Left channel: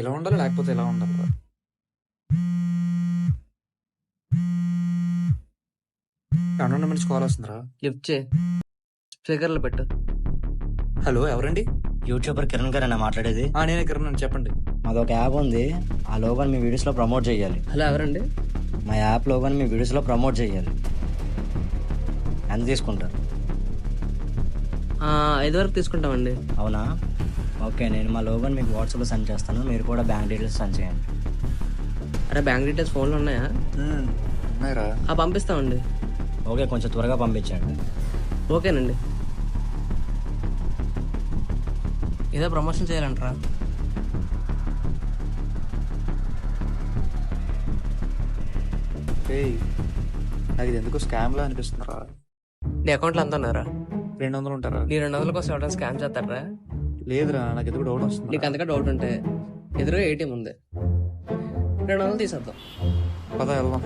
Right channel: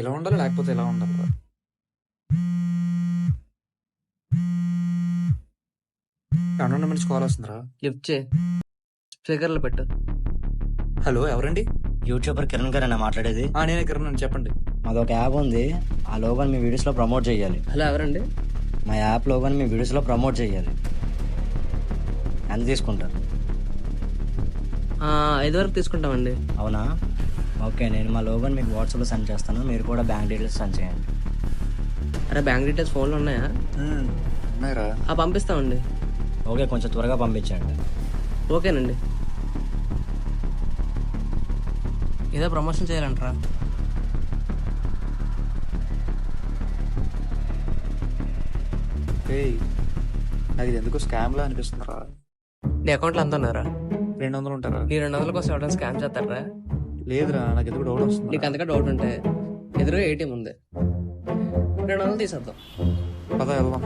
ఇలా ఉండాలి లేకపోతే ఇలా ఉండాలి. అన్నోన్ నుంచి కాల్ వస్తుందిరా. లిఫ్ట్ చేయి, స్పీకర్లో పెట్టు. హలో, ఎవరండి? యూట్యూబర్ కిరణ్ గారు అన్న మాట్లాడేది. నేనే కిరణ్, చెప్పండి. మాది ఒక యాప్ ఉంది, ఆ లోగోని మీ వీడియోస్లో ప్రమోట్ చేయాలి. హలో, ఎవరండి? మా యాప్ లోగోని మీ వీడియోస్లో ప్రమోట్ చేయాలి. ఎంత తీసుకుంటారు? 5 వరకు తీసుకుంటామండి. అవునా, ఓకే. నేను మా లోగోని మీకు వాట్సాప్లో సెండ్ చేస్తాను, మీరు కూడా బ్యాంక్ డీటెయిల్స్ సెండ్ చేయండి. అరే, బ్యాంక్ డీటెయిల్స్ ఫోన్లో ఉన్నాయా? ఉన్నాయిరా. పంపిస్తామండి. ఓకే, కొంచెం త్వరగా పంపించండి. ఓకేనండి. ఏదో ప్రమోషన్ చేయాలంటారా? ఏయ్, నాకు ఇది ఎందుకో స్కామ్ లా అనిపిస్తుందిరా. నీ అకౌంట్లో ఎంత ఉన్నారా? 200 ఉంటారా? నీ 200 కోసం ఎవరైనా స్కామ్ చేస్తారా? లేదురా, నాకు ఎందుకు డౌట్ వస్తుంది. నీకు అంతగా డౌట్ ఉంటే ఎదురుగా ఏటీఎం ఉంది, 200 తీసేద్దాం. పద వెళ్దాం.